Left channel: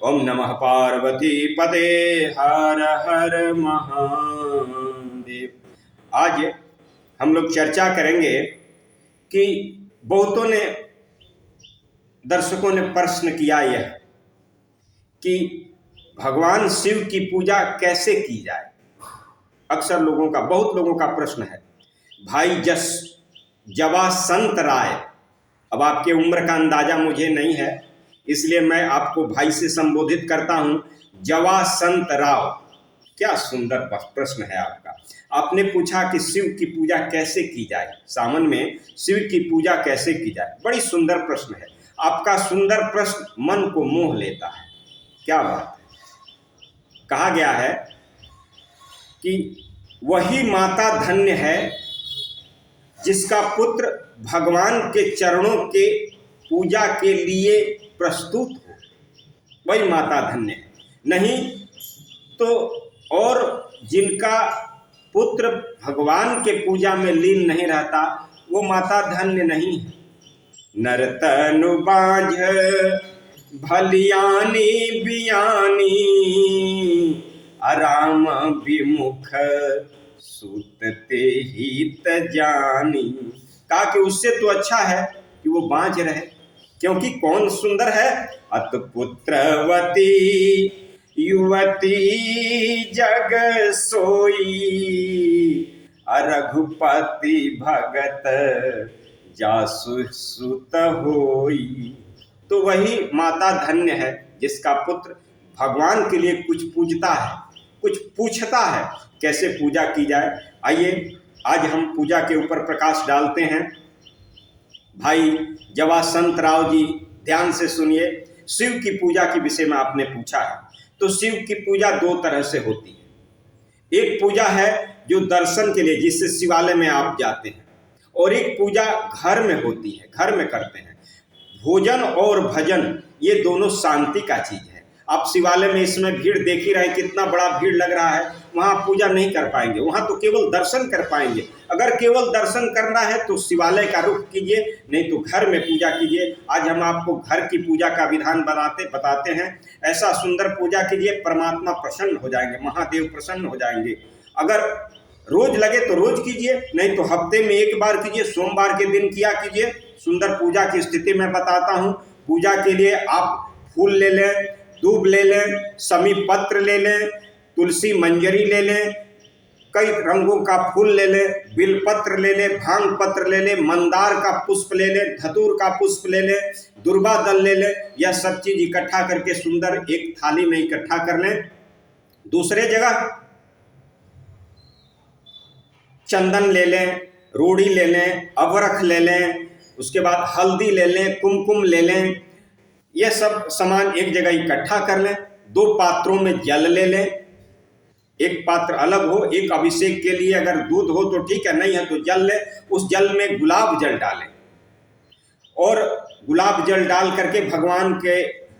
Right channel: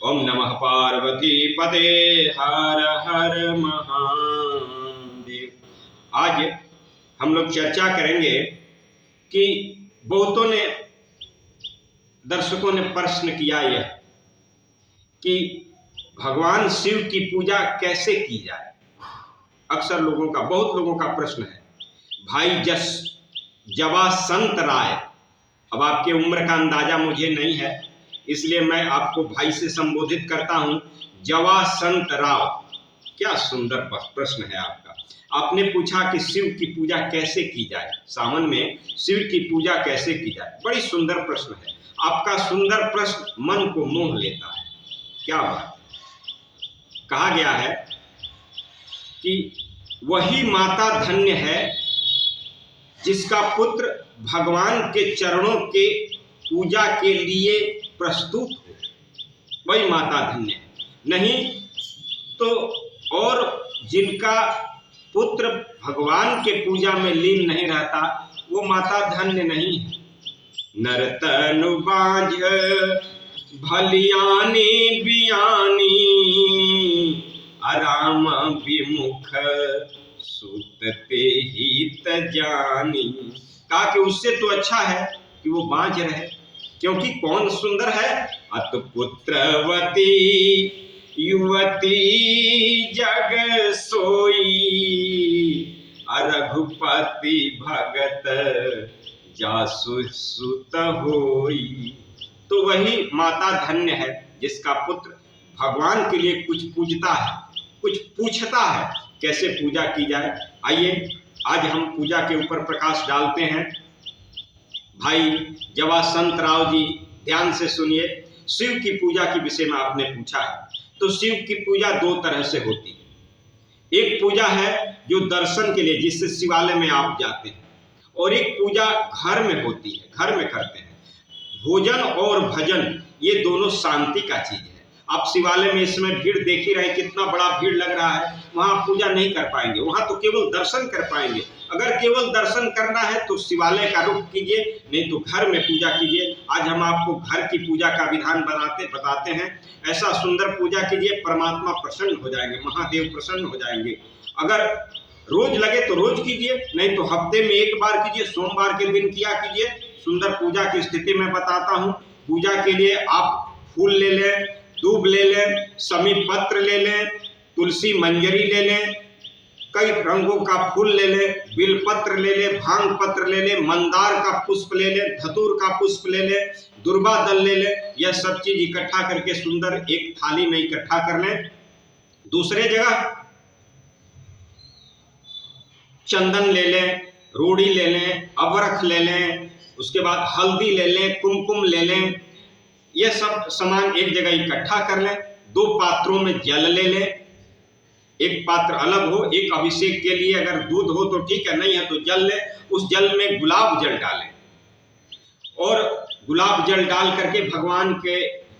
ओम नमः पार्वती पते हर हर महादेव। आज हम लोग चर्चा करेंगे कि बहुतों ने दर्शकों ने प्रश्न किया यह कि भगवान शिव की पूजा कैसे की जाए। अक्सर बहुत लोगों का प्रश्न है। भाई जवासंत राय, अब आपके उम्र का अंदाजा मुझे नहीं है, इसलिए मैं आपको भाई से संबोधित करता हूं। जवासंत राव, क्या सुंदर प्रश्न है आपका। आपने पूछा कि शिव की पूजा कैसे की जाए, सावन में शिव की पूजा कैसे की जाए। बड़ी सुंदर प्रश्न है आपका। सुंदर प्रश्न मन को मोह लेता है। क्या बात है। कहा गया है कि वही माता धन्य है जिसका पुत्र भगवान के चरणों के पूजा के लिए प्रस्तुत हो, वही माता धन्य है। नहीं तो और जिनका पुत्र भगवान के पूजा में लीन नहीं रहता, वो माता धन्य नहीं है। नरतनु बांझ भलियानी बियानी, अराम विमुख सुतते ही तजानी। कहा कि उससे तो अच्छा है कि वो बांझ रहे, क्योंकि कौन सुंदर है। अत पुत्रवती युवती जग सोई, रघुपति भगत जासु सुत होई। तो वही माता धन्य है जिसका पुत्र भगवान के लिए कुछ पूजता है, कुछ पूछता है कैसे पूजा की जाए। आइए आज हम पूजा के ऊपर प्रकाश डालते हैं। भाई जवासंत राव जी, ध्यान से सुनिए। शिव की पूजा के विषय में आपने पूछा है, तो शिव की पूजा दो तरह से होती है। एक पूजा है जो दर्शन के लिए, जिससे शिवालय में आप जाते हैं, और एक पूजा घर में होती है, घर में करते हैं। भोजन और भजन ये दोनों शांति का चीज है। आप शिवालय में इसमें भीड़ देख ही रहे, कितना बड़ा भीड़ लग रहा है। वहां पूजा नहीं कर पाएंगे, वहां तो केवल दर्शन कर पाएंगे। अगर केवल दर्शन करना है तो शिवालय का रुख कीजिए, नहीं तो घर में पूजा कीजिए। आज हम आपको घर की पूजा का विधान बताते हैं। ऐसा सुंदर पूजा कीजिए, परमात्मा प्रसन्न हो जाएंगे, महादेव प्रसन्न हो जाएंगे। अगर रोज लगे तो रोज कीजिए, नहीं तो हफ्ते में एक बार कीजिए, सोमवार के दिन किया कीजिए। सुंदर पूजा की स्थिति मैं बताता हूँ। पूजा के लिए आप फूल ले लें, दूब ले लें, समी पत्र ले लें, तुलसी मंजरी ले लें, कई रंगों का फूल ले लें, बिल पत्र ले लें, भांग पत्र ले लें, मंदार का पुष्प ले लें, धतूर का पुष्प ले लें, दुर्वा दल ले लें। यह सब चीज इकट्ठा करके सुंदर एक थाली में इकट्ठा कर लें। दूसरे जगह चंदन ले लें, रोड़ी ले लें, अवरख ले लें, उसके बाद हल्दी ले लें, कुमकुम ले लें। यह सब सामान एक जगह इकट्ठा कर लें। दो पात्रों में जल ले लें, एक पात्र अलग हो, एक अभिषेक के लिए अगर दूध हो तो ठीक है, नहीं है तो जल लें। उस जल में गुलाब जल डालें और गुलाब जल डाल करके भगवान के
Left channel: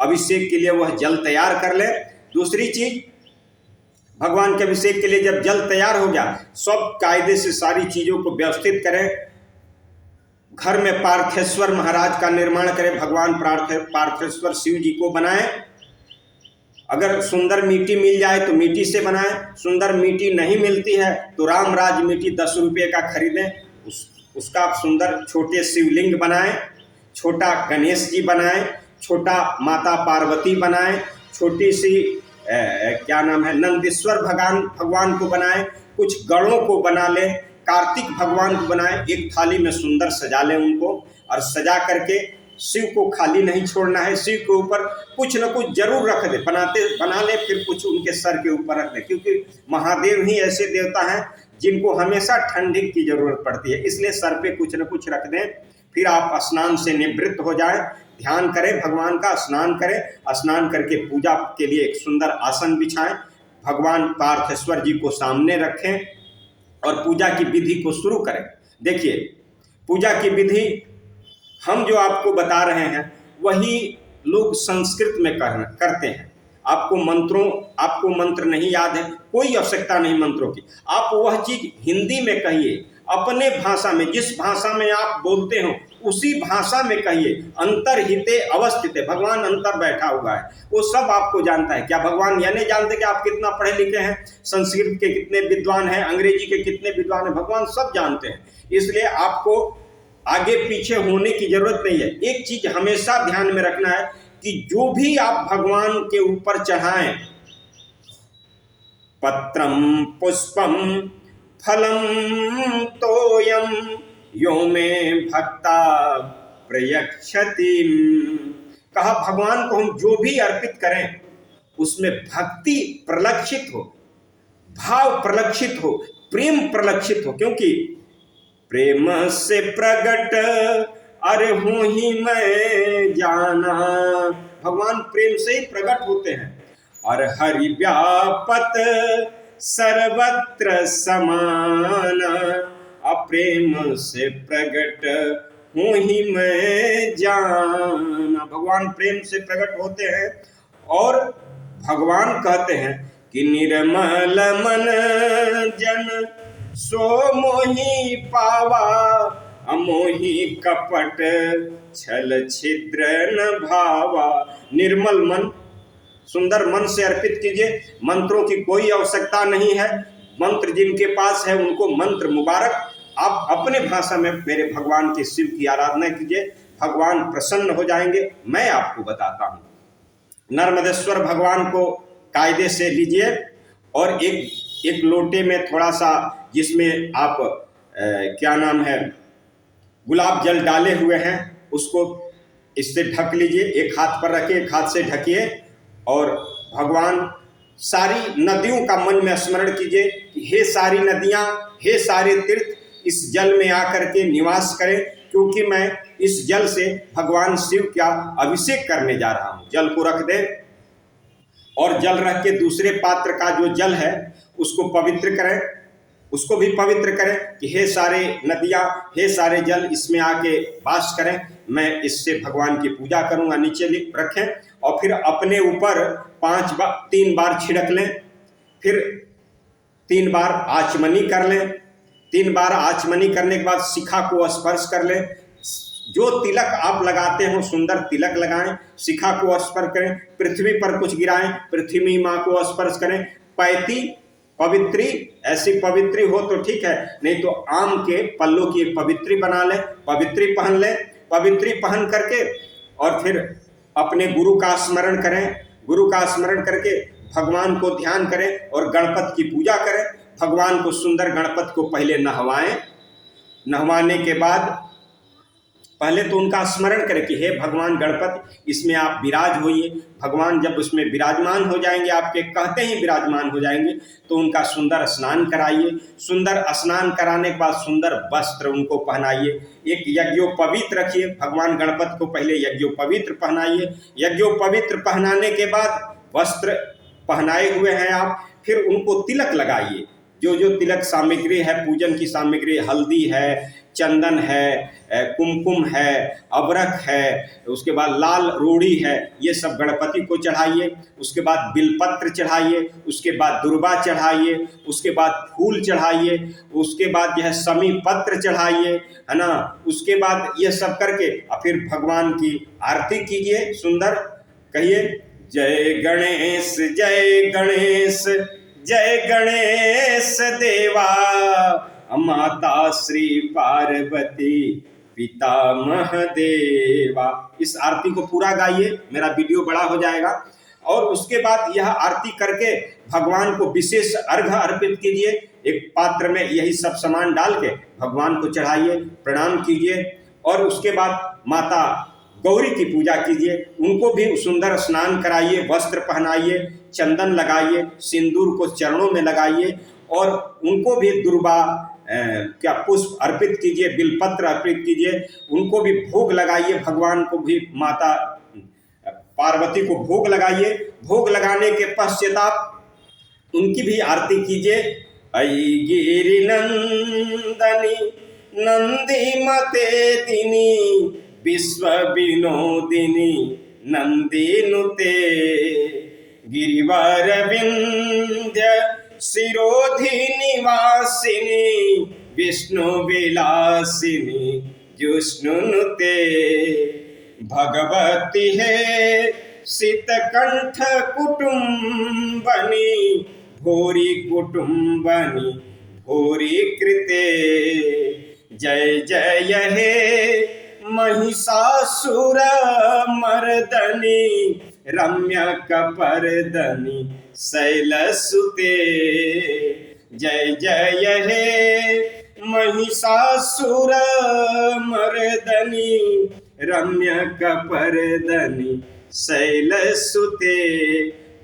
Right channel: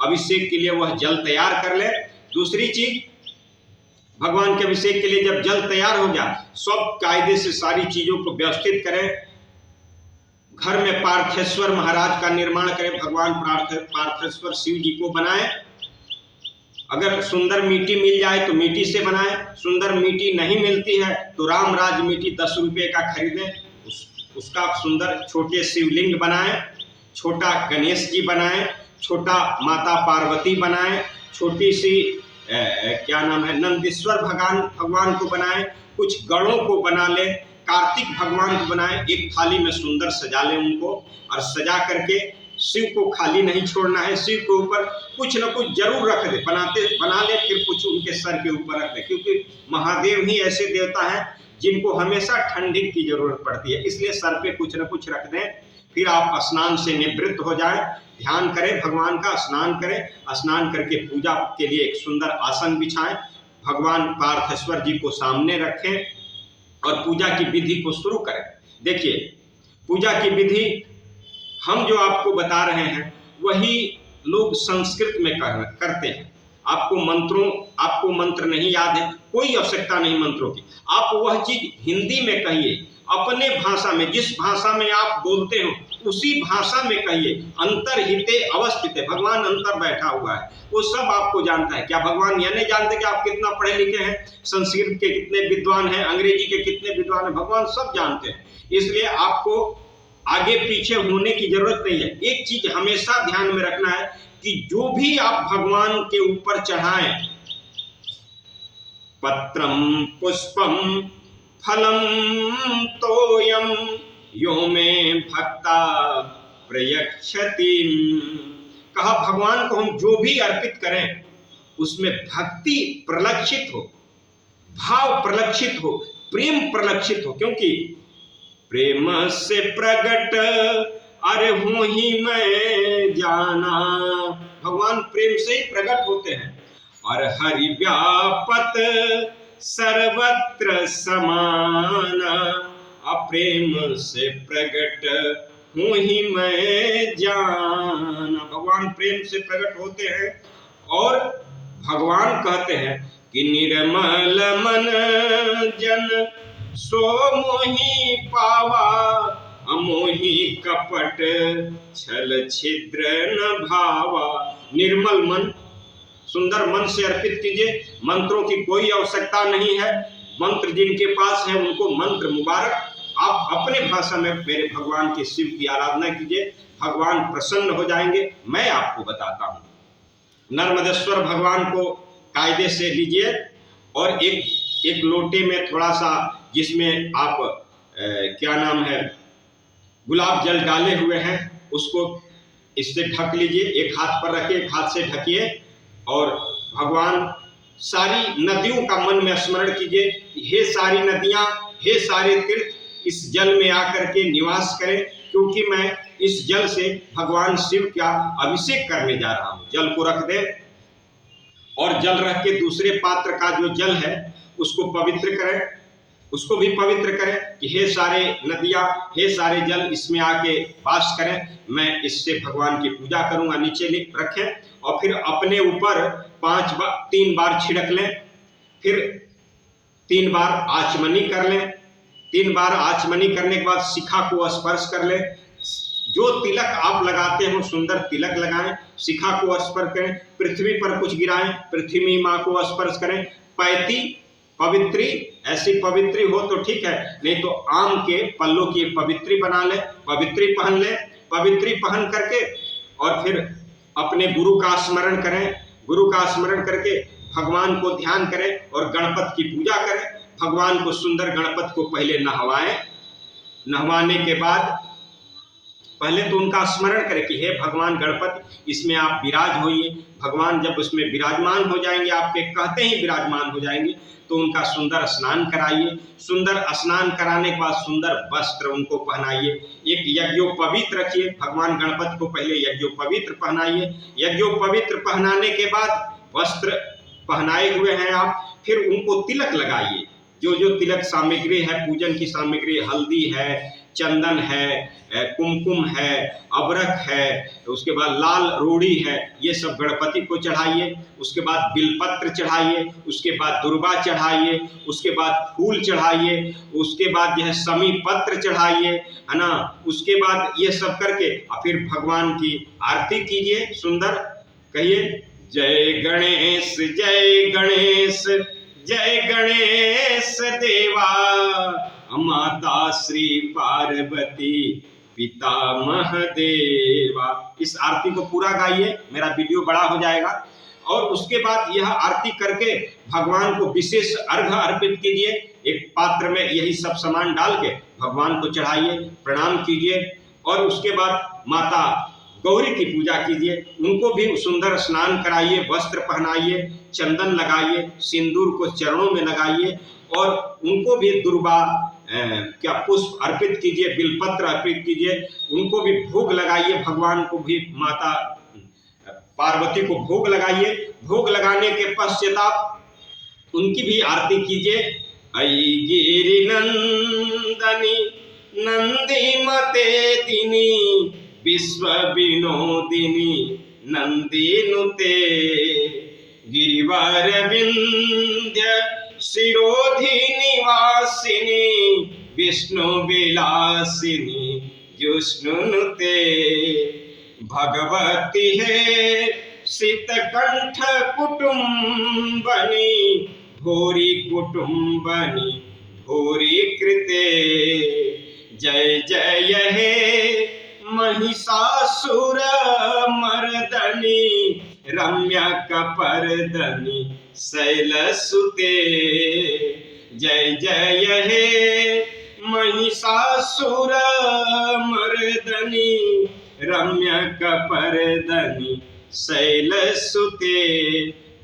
अभिषेक के लिए वह जल तैयार कर लें। दूसरी चीज, भगवान के अभिषेक के लिए जब जल तैयार हो गया, सब कायदे से सारी चीजों को व्यवस्थित करें। घर में पार्थेश्वर महाराज का निर्माण करें, भगवान पार्थेश्वर शिव जी को बनाएं। अगर सुंदर मिट्टी मिल जाए तो मिट्टी से बनाएं, सुंदर मिट्टी नहीं मिलती है तो रामराज मिट्टी 10 रुपये का खरीदें, उसका सुंदर छोटे शिवलिंग बनाएं, छोटा गणेश जी बनाएं, छोटा माता पार्वती बनाएं, छोटी सी क्या नाम है, नंदीश्वर भगवान को बनाएं, कुछ गणों को बना लें, कार्तिक भगवान को बनाएं। एक थाली में सुंदर सजा लें उनको, और सजा करके शिव को खाली नहीं छोड़ना है। शिव के ऊपर कुछ न कुछ जरूर रख दे, बना ले, फिर कुछ उनके सर के ऊपर रख दे, क्योंकि महादेव ही ऐसे देवता हैं जिनको हमेशा ठंडी की जरूरत पड़ती है, इसलिए सर पे कुछ न कुछ रख दें। फिर आप स्नान से निवृत्त हो जाएं, ध्यान करें भगवान का, स्नान करें। स्नान करके पूजा के लिए एक सुंदर आसन बिछाएं, भगवान पार्थेश्वर जी को सामने रखें और पूजा की विधि को शुरू करें। देखिए, पूजा की विधि हम जो आपको बता रहे हैं वही लोग संस्कृत में करते हैं। आपको मंत्र नहीं याद है, कोई आवश्यकता नहीं मंत्रों की। आप वह चीज हिंदी में कहिए, अपने भाषा में, जिस भाषा में आप बोलते हो उसी भाषा में कहिए। अंतर्हिते अवस्थित, भगवान अंतर बैठा हुआ है, वो सब आपको जानता है। क्या भगवान यह नहीं जानते कि आप कितना पढ़े लिखे हैं, संस्कृत के कितने विद्वान हैं, अंग्रेजी के कितने विद्वान हैं? भगवान सब जानते हैं। इसलिए आपको आगे पीछे होने की जरूरत नहीं है। एक चीज हमेशा ध्यान में रखना है कि जो भी आप भगवान के ऊपर चढ़ाएं, पत्रम पुष्पम फलम तोयम यो में भक्ता प्रयक्षति। कहा भगवान को हम जो भी अर्पित करें उसमें भक्ति प्रलक्षित हो, भाव प्रलक्षित हो, प्रेम प्रलक्षित हो। क्योंकि प्रेम से प्रगट अरे हूं ही मैं जाना, भगवान प्रेम से ही प्रकट होते हैं। और हरि व्यापत सर्वत्र समान, अप्रेम से प्रगट हूं ही मैं जाना। भगवान प्रेम से प्रकट होते हैं और भगवान कहते हैं कि निर्मल मन जन सो मोहि पावा, अमोहि कपट छल छिद्र न भावा। निर्मल मन, सुंदर मन से अर्पित कीजिए। मंत्रों की कोई आवश्यकता नहीं है। मंत्र जिनके पास है उनको मंत्र मुबारक। आप अपने भाषा में मेरे भगवान के शिव की आराधना कीजिए, भगवान प्रसन्न हो जाएंगे। मैं आपको बताता हूँ, नर्मदेश्वर भगवान को कायदे से लीजिए और एक लोटे में थोड़ा सा, जिसमें आप क्या नाम है, गुलाब जल डाले हुए हैं, उसको इससे ढक लीजिए। एक हाथ पर रखिए, एक हाथ से ढकिए और भगवान सारी नदियों का मन में स्मरण कीजिए। हे सारी नदियाँ, हे सारे तीर्थ, इस जल में आकर के निवास करें, क्योंकि मैं इस जल से भगवान शिव का अभिषेक करने जा रहा हूँ। जल को रख दें और जल रख के दूसरे पात्र का जो जल है उसको पवित्र करें, उसको भी पवित्र करें कि हे सारे नदियाँ, हे सारे जल इसमें आके वास करें, मैं इससे भगवान की पूजा करूँगा। नीचे रखें और फिर अपने ऊपर 3 बार छिड़क लें, फिर 3 बार आचमनी कर लें। 3 बार आचमनी करने के बाद शिखा को स्पर्श कर लें। जो तिलक आप लगाते हो सुंदर तिलक लगाएं, शिखा को स्पर्श करें, पृथ्वी पर कुछ गिराएं, पृथ्वी माँ को स्पर्श करें। पैती पवित्री, ऐसी पवित्री हो तो ठीक है, नहीं तो आम के पल्लों की एक पवित्री बना लें, पवित्री पहन लें। पवित्री पहन करके और फिर अपने गुरु का स्मरण करें। गुरु का स्मरण करके भगवान को ध्यान करें और गणपति की पूजा करें। भगवान को सुंदर गणपति को पहले नहवाएं। नहवाने के बाद पहले तो उनका स्मरण करें कि हे भगवान गणपति, इसमें आप विराज होइए। भगवान जब उसमें विराजमान हो जाएंगे, आपके कहते ही विराजमान हो जाएंगे, तो उनका सुंदर स्नान कराइए। सुंदर स्नान कराने के बाद सुंदर वस्त्र उनको पहनाइए। एक यज्ञोपवीत रखिए, भगवान गणपति को पहले यज्ञोपवीत पहनाइए। यज्ञोपवीत पहनाने के बाद वस्त्र पहनाए हुए हैं आप, फिर उनको तिलक लगाइए। जो जो तिलक सामग्री है, पूजन की सामग्री, हल्दी है, चंदन है, कुमकुम है, अबरक है, उसके बाद लाल रोड़ी है, ये सब गणपति को चढ़ाइए। उसके बाद बिलपत्र चढ़ाइए, उसके बाद दुर्वा चढ़ाइए, उसके बाद फूल चढ़ाइए, उसके बाद जो है समी पत्र चढ़ाइए, है ना। उसके बाद ये सब करके और फिर भगवान की आरती कीजिए। सुंदर कहिए, जय गणेश जय गणेश जय गणेश देवा, माता श्री पार्वती पिता महादेवा। इस आरती को पूरा गाइए, मेरा वीडियो बड़ा हो जाएगा। और उसके बाद यह आरती करके भगवान को विशेष अर्घ्य अर्पित कीजिए। एक पात्र में यही सब सामान डाल के भगवान को चढ़ाइए, प्रणाम कीजिए और उसके बाद माता गौरी की पूजा कीजिए। उनको भी सुंदर स्नान कराइए, वस्त्र पहनाइए, चंदन लगाइए, सिंदूर को चरणों में लगाइए और उनको भी दुर्वा क्या पुष्प अर्पित कीजिए, बिलपत्र अर्पित कीजिए। उनको भी भोग लगाइए, भगवान को भी माता पार्वती को भोग लगाइए। भोग लगाने के पश्चात उनकी भी आरती कीजिए। ऐ गिरि नंदनी नंदी मते दिनी, विश्व विनोदिनी नंदीनुते, गिरिवर विंध्य शिरोधि निवासिनी, विष्णु विलासिनी जिष्णुनुते भगवती है शीतकंठ कुटुंबनी भूरि कुटुंबनी भूरि कृते जय जय हे महिषासुर मर्दनी रम्य कपर्दनी शैलसुते जय जय हे महिषासुर मर्दनी रम्य कपर्दनी शैलसुते।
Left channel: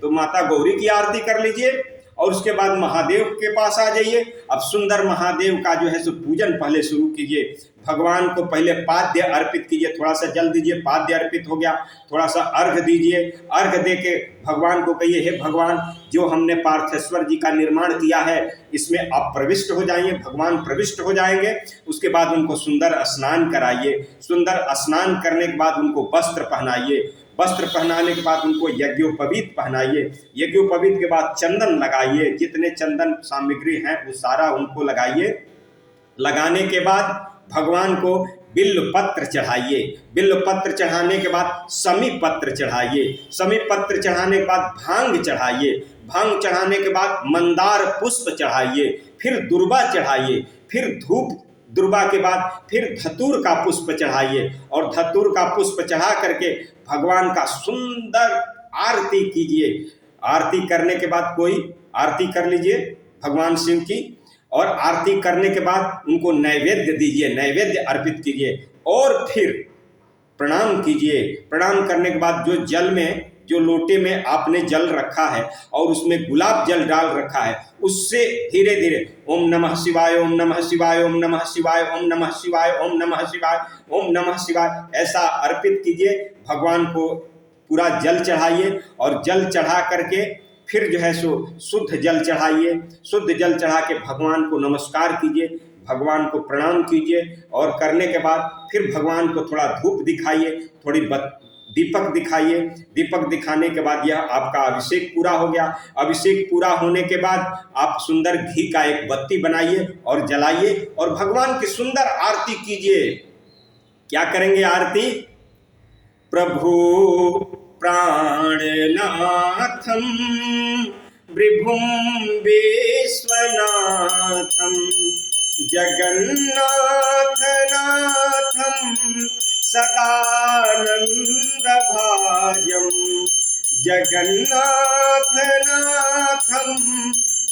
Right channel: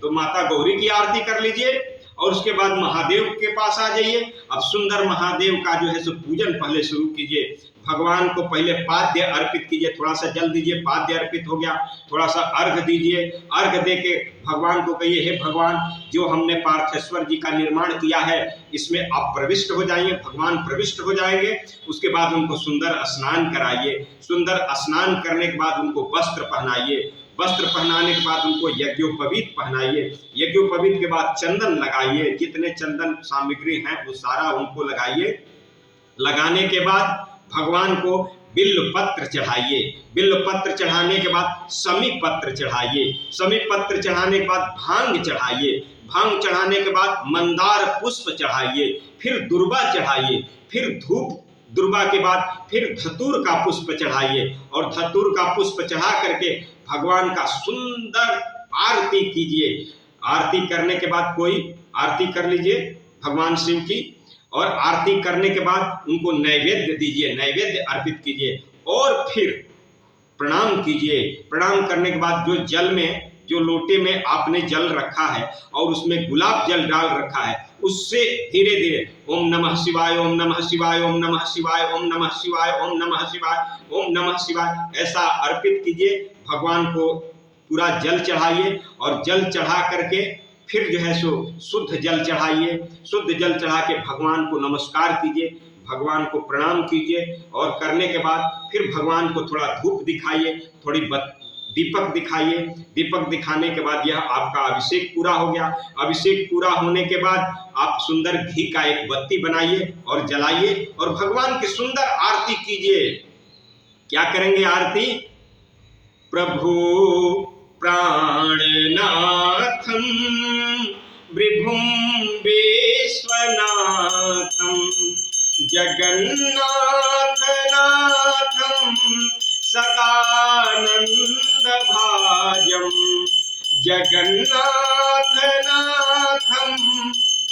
तो माता गौरी की आरती कर लीजिए और उसके बाद महादेव के पास आ जाइए। अब सुंदर महादेव का जो है सो पूजन पहले शुरू कीजिए। भगवान को पहले पाद्य अर्पित कीजिए, थोड़ा सा जल दीजिए, पाद्य अर्पित हो गया, थोड़ा सा अर्घ दीजिए। अर्घ दे के भगवान को कहिए, हे भगवान, जो हमने पार्थेश्वर जी का निर्माण किया है इसमें आप प्रविष्ट हो जाइए। भगवान प्रविष्ट हो जाएंगे। उसके बाद उनको सुंदर स्नान कराइए। सुंदर स्नान करने के बाद उनको वस्त्र पहनाइए। वस्त्र पहनाने के बाद उनको यज्ञोपवीत पहनाइए। यज्ञोपवीत के बाद चंदन लगाइए। जितने चंदन सामग्री हैं वो सारा उनको लगाइए। लगाने के बाद भगवान को बिल्व पत्र चढ़ाइए। बिल्व पत्र चढ़ाने के बाद समी पत्र चढ़ाइए। समी पत्र चढ़ाने के बाद भांग चढ़ाइए। भांग चढ़ाने के बाद मंदार पुष्प चढ़ाइए। फिर दुर्वा चढ़ाइए। फिर धूप, दुर्वा के बाद फिर धतूर का पुष्प चढ़ाइए और धतूर का पुष्प चढ़ा करके भगवान का सुंदर आरती कीजिए। आरती करने के बाद कोई आरती कर लीजिए भगवान शिव की, और आरती करने के बाद उनको नैवेद्य दीजिए, नैवेद्य अर्पित कीजिए और फिर प्रणाम कीजिए। प्रणाम करने के बाद जो जल में, जो लोटे में आपने जल रखा है और उसमें गुलाब जल डाल रखा है, उससे धीरे धीरे ओम नमः शिवाय, ओम नमः शिवाय, ओम नमः शिवाय, ओम नमः शिवाय, ओम नमः शिवाय, ओम नमः शिवाय ऐसा अर्पित कीजिए। भगवान को पूरा जल चढ़ाइए और जल चढ़ा करके फिर जो है सो शुद्ध जल चढ़ाइए। शुद्ध जल चढ़ा के भगवान को नमस्कार कीजिए, भगवान को प्रणाम कीजिए और करने के बाद फिर भगवान को थोड़ा धूप दिखाइए, थोड़ी दीपक दिखाइए। दीपक दिखाने के बाद यह आपका अभिषेक पूरा हो गया। अभिषेक पूरा होने के बाद आप सुंदर घी का एक बत्ती बनाइए और जलाइए और भगवान की सुंदर आरती कीजिए। क्या करेंगे आरती? प्रभु प्राणनाथम विभुम विश्वनाथम जगन्नाथ नाथम सदानंद भाजम जगन्नाथ नाथम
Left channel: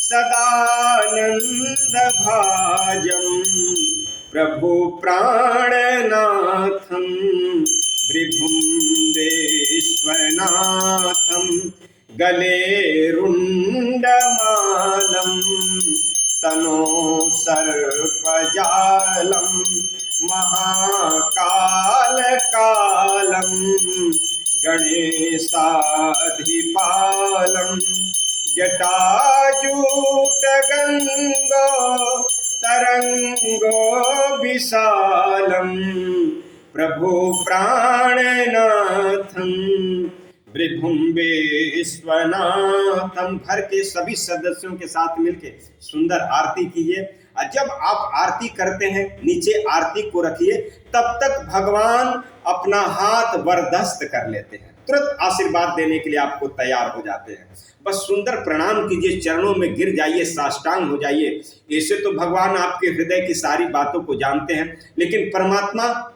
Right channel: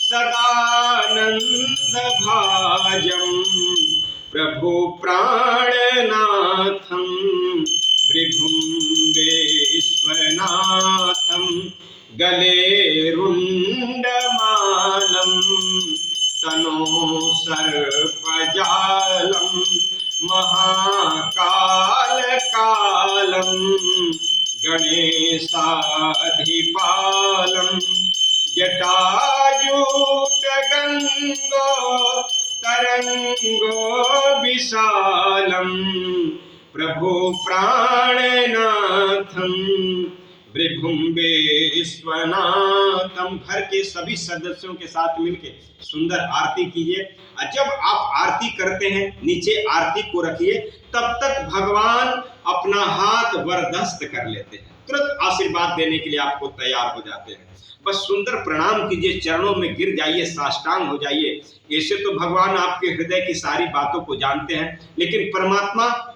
सदानंद भाजम प्रभु प्राणनाथम विभुम विश्वनाथम गले रुंडमालम तनो सर्पजालम महाकाल कालम गणेशाधिपालम जटाजूट गंगो तरंगो विशालम प्रभु प्राणनाथम विभुम विश्वनाथम। घर के सभी सदस्यों के साथ मिलके सुंदर आरती कीजिए। और जब आप आरती करते हैं नीचे आरती को रखिए, तब तक भगवान अपना हाथ वरदस्त कर लेते हैं, तुरंत आशीर्वाद देने के लिए आपको तैयार हो जाते हैं। बस सुंदर प्रणाम कीजिए, चरणों में गिर जाइए, साष्टांग हो जाइए। ऐसे तो भगवान आपके हृदय की सारी बातों को जानते हैं, लेकिन परमात्मा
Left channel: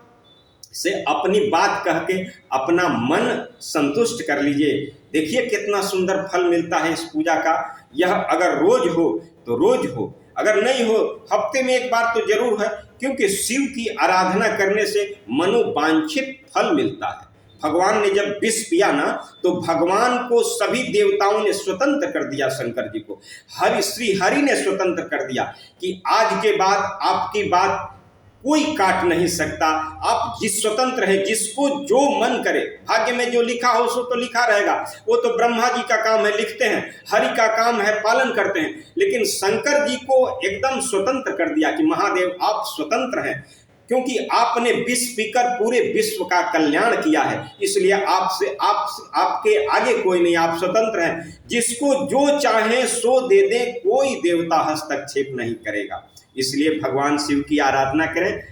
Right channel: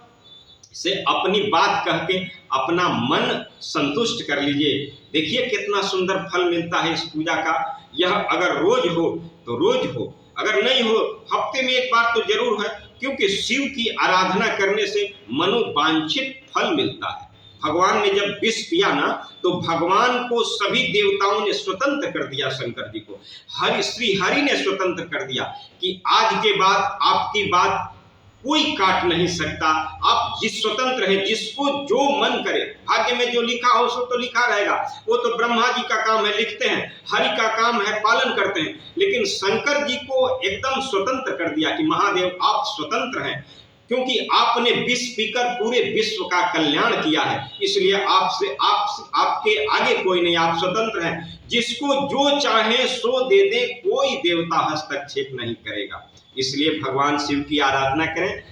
से अपनी बात कह के अपना मन संतुष्ट कर लीजिए। देखिए कितना सुंदर फल मिलता है इस पूजा का। यह अगर रोज हो तो रोज हो, अगर नहीं हो हफ्ते में एक बार तो जरूर है, क्योंकि शिव की आराधना करने से मनोवांछित फल मिलता है। भगवान ने जब विष पिया ना, तो भगवान को सभी देवताओं ने स्वतंत्र कर दिया। शंकर जी को श्री हरि ने स्वतंत्र कर दिया कि आज के बाद आपकी बात कोई काट नहीं सकता। आप जिस स्वतंत्र है, जिसको जो मन करे, भाग्य में जो लिखा हो सो तो लिखा रहेगा। वो तो ब्रह्मा जी का काम है, लिखते हैं, हरि का काम है, पालन करते हैं। लेकिन शंकर जी को एकदम स्वतंत्र कर दिया कि महादेव आप स्वतंत्र हैं, क्योंकि आपने विष पीकर पूरे विश्व का कल्याण किया है, इसलिए आपके आगे कोई नहीं, आप स्वतंत्र हैं। जिसको जो चाहे सो दे दे, कोई देवता हस्तक्षेप नहीं करेगा। इसलिए भगवान शिव की आराधना करें।